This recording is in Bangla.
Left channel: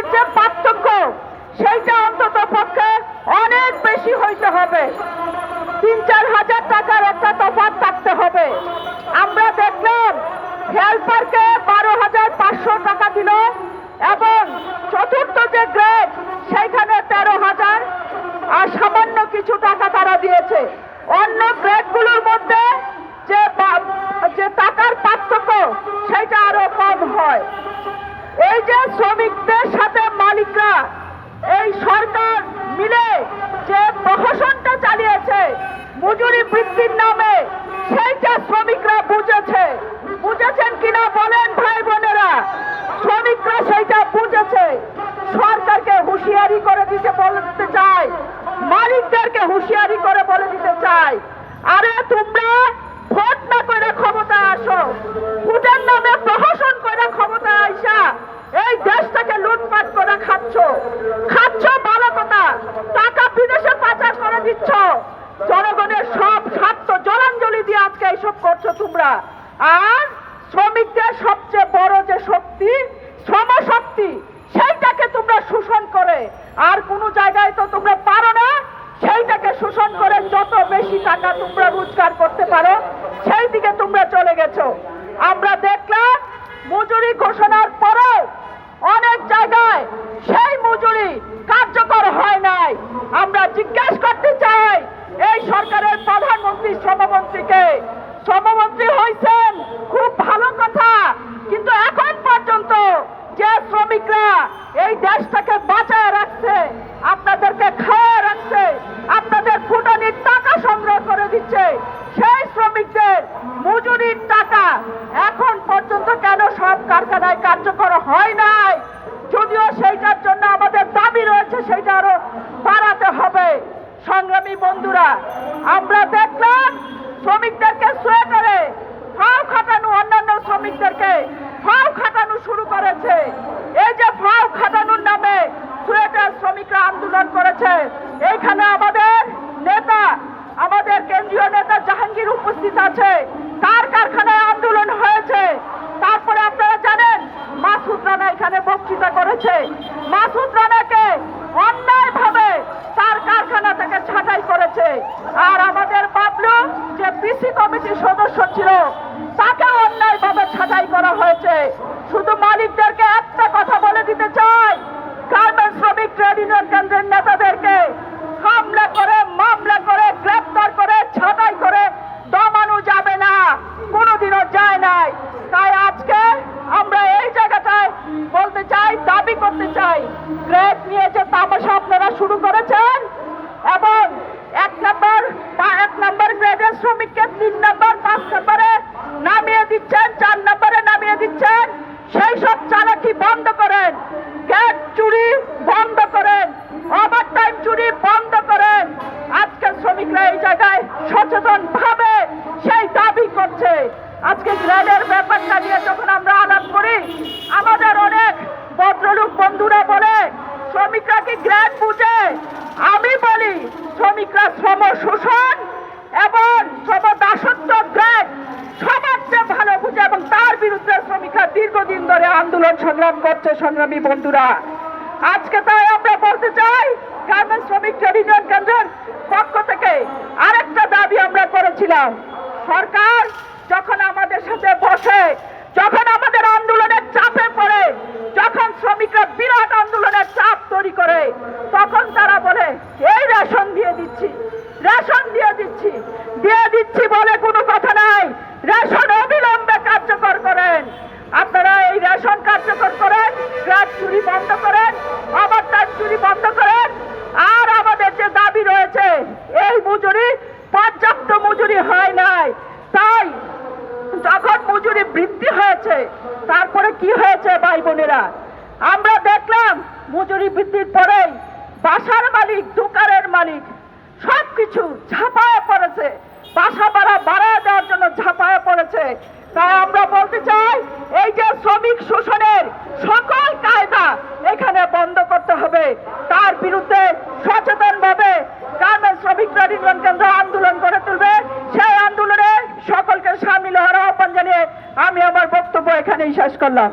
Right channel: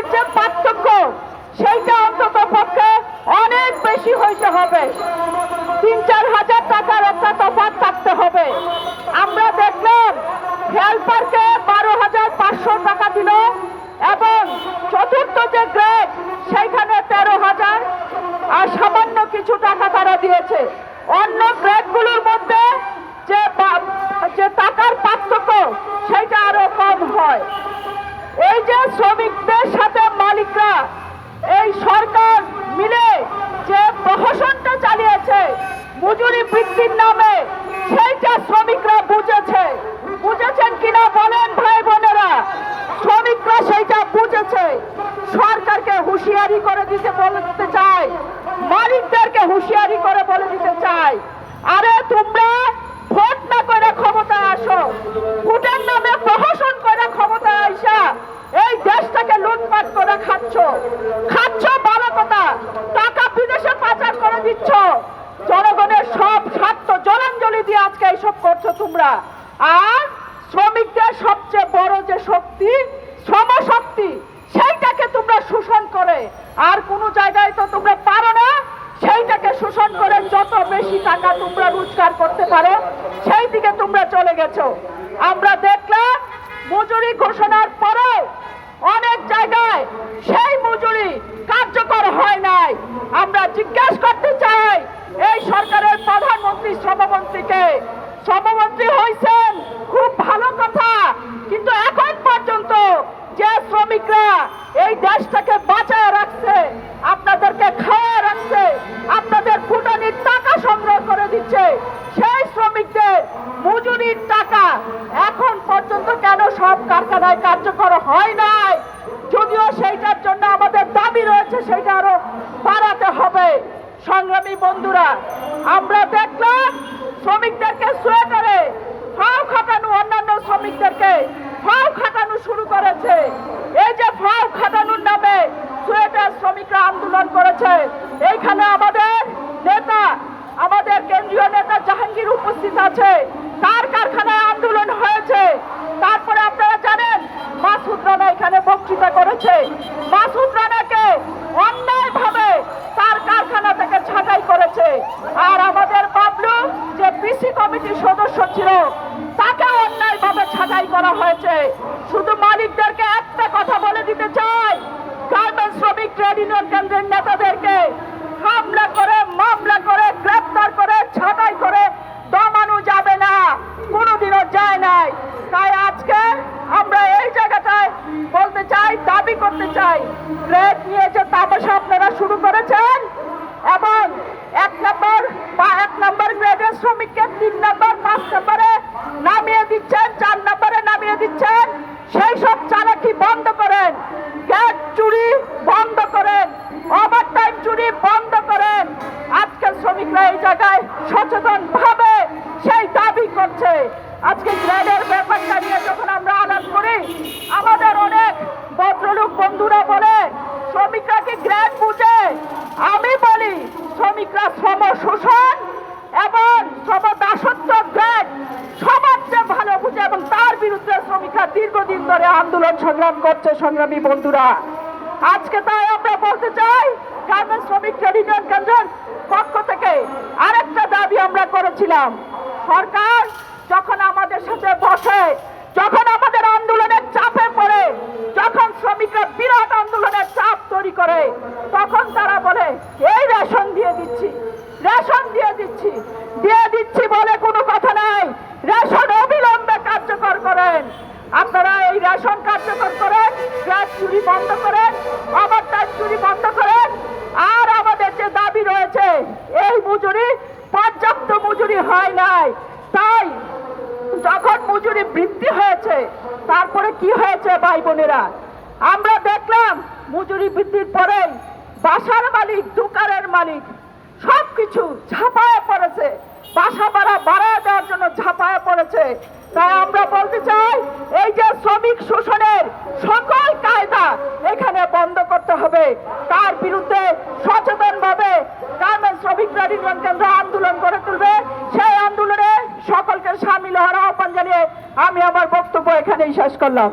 মজুরির যে পার্থক্য সেইটা অন্তত পক্ষে অনেক বেশি হইতে হবে। তিন, চার হাজার টাকার একটা তফাৎ থাকতে হবে। আমরা দেখলাম হেল্পারকে বারো হাজার পাঁচশো টাকা দিল এবং চতুর্থ যে গ্রেড, সেইখানে তেরো হাজার, আর সামান্য কিছু টাকা তারা দিয়েছে। অন্য গ্রেডগুলোর মধ্যে যে যে টাকার পার্থক্য সেটা আরও কম হয়। এই যে শ্রমিকদের সাথে মালিকরা এই সরকার মিলে যে প্রহসনটা চালিয়েছে, মজুরি বৃদ্ধির নামে সেইটা শ্রমিকরা বুঝেছে। বুঝেছেন কিনা বলেন ভাই বোনেরা? শ্রমিকরা সেইটা বুঝেছে। সরকারকে হুঁশিয়ারি করে দিতে বলে দিতে চাই মালিকদেরকে হুঁশিয়ারি করে বলে দিতে চাই আরে তোমরা ভোট না করে ক্ষমতা আসো। ভোটের নামে প্রহসন করে ক্ষমতা আইসা এই দেশটাকে লুটপাট করে খাচ্ছ। খাচ্ছ ভালো কথা। টাকা বিদেশে পাচার করে দিচ্ছ। জনগণের সব স্বার্থ জলাঞ্জলি দিয়ে আজকে এইসব করছ তোমরা। আর শ্রমিকদের সবচেয়ে বড় যে শক্তি শ্রম শক্তি সেইটাকে তোমরা শোষণ করে। আর কোনো জায়গায় তো তোমরা পারো না। সেইটাকে শোষণ করে যত বেশি টাকা তোমরা রোজগার করতে পারো সেই দিকে তোমরা চলে গেছো। আমরা দেখলাম মজুরি ঘোষণার পরেও অনেক জায়গায় সেই মজুরি কার্যকর হয় নাই। আমরা জিজ্ঞেস করতে চাই, এই সরকারের প্রধানমন্ত্রী শ্রমমন্ত্রীকে। শ্রমমন্ত্রী হয়েছেন খুব ভালো কথা, কিন্তু এখন পর্যন্ত যে শ্রমিকরা এই দেশটাকে বাঁচায় রাখছে, আপনাদেরকে খাওয়া রাখছে, আপনাদের ফুটানির টাকা সংগ্রহ করে দিচ্ছে সেই শ্রমিকদের মজুরির টাকা এখন পর্যন্ত কেন সব কারখানায় কার্যকর হয় নাই। যদিও সেইটার জন্য আমাদের দাবি রয়েছে, সেইটা আরও বাড়াতে হবে। সংগ্রামী বন্ধুরা, আমরা দেখলাম শ্রমিকদেরকে সোয়েটারে ফাও খাটানো, অন্যান্য শ্রমিকদেরকে ফাও খাটানো শুরু করেছে। এই যে ফাও খাটানোর নামে সোয়েটার শ্রমিকরা আন্দোলন করেছে। এইখানে আমাদের নেতা, আমাদের কেন্দ্রীয় নেতা জাহাঙ্গীর উপস্থিত আছে। তার কারখানায় আন্দোলন হয়েছে। তারপরে মাসুদ রানা এখানে বক্তৃতা করেছে। মাসুদ রানাকে অন্যায় ভাবে তার কারখানা থেকে ছাঁটাই করেছে। আর আমাদের বাবলু যে পিসি কমিটির সদস্য ছিল, তাকে অন্যায় ভাবে ছাঁটাই করা হয়েছে। শুধু মালিকদেরকে একটা কথা বলে দিতে চাই, গার্মেন্টস শ্রমিক ট্রেড ইউনিয়ন কেন্দ্রের নেতাদেরকে হামলা করে মামলা করে গ্রেপ্তার করে ছাঁটাই করে দমানো যাবে না কোনোদিনও যায় নাই তাই আজকে আমরা এই জায়গাটায় বলতে চাই দাবি করতে চাই। গ্রেড নিয়ে যে তামাশা আপনারা শুরু করেছেন। এবং এক নম্বর বা এক নম্বর গ্রেডের শ্রমিককে তিন নম্বর পাঁচ নম্বরে নামিয়ে দিচ্ছেন, চার নম্বরে নামিয়ে দিচ্ছেন। সেই সব চালাকি বন্ধ করেন। গ্যাস চুরি বন্ধ করেন। ওভার টাইম চুরি বন্ধ করেন। আজকে শ্রমিকরা এই জায়গায় সচেতন ভাবে সেই দাবি করছে। আজকে গ্রেডের ব্যাপারটা নিয়ে যখন আমরা আলাপ করি আমাদের অনেক ভদ্রলোক বন্ধুরা বলে শ্রমিকরা কি গ্রেড বুঝে আমি বলি শ্রমিকরা শোষণ এবং শ্রম দাসত্ব গ্রেড সবার চেয়ে ভালো বুঝে এবং তার বিরুদ্ধে শ্রমিকরা দীর্ঘদিন ধরে আন্দোলন সংগ্রাম করছে, সংগ্রামী বন্ধুরা। আজকে তাই আমরা বলতে চাই গার্মেন্টস শ্রমিক ট্রেড ইউনিয়ন কেন্দ্রের পক্ষ থেকে আরেকটা দাবি আমরা করেছিলাম। সরকার যখন আমাদের সাথে বসে, যখন আমাদের আন্দোলনের চাপে পড়ে, যখন শ্রমিকরা বিরাট আন্দোলনের চাপ তৈরি করে, তখন তারা বলে এই রেশন দিয়ে দিচ্ছি রেশন দিয়ে দিচ্ছি দিয়ে দিচ্ছি বলে কোনো কথা নাই রেশন অবিলম্বে কার্যকর করেন আপনারা এই রেশন কার্যকর ট্রাক চুরি বন্ধ করেন আবার ট্রাক চুরি বন্ধ করেন আর আমাদের যে দাবি রয়েছে, এই মজুরি, পর্যাপ্ত মজুরি হয় নাই। তাই যখন মজুরি বৃদ্ধি হয়েছে, তারপরে কি হয়েছে ভাই বোনেরা? আমরা দেখলাম মজুরি বৃদ্ধির পরেই বাসার মালিক, দোকানের মালিক সবকিছু ঝাঁপায় পড়েছে। বাসা ভাড়া বাড়ায় দেওয়ার জন্য ঝাঁপায় পড়েছে। তাই আমরা এই যে শ্রমিক শোষণের সকল কায়দা এখানে বন্ধ করতে হবে। তার বিরুদ্ধে সচেতন ভাবে কারণ শ্রমিক নির্মাণ কেন্দ্র আন্দোলন করে তুলবে। সেই আন্দোলনে সকলকে সামিল হওয়ার আহ্বান জানিয়ে আমি আমার বক্তব্য এখানেই শেষ করলাম।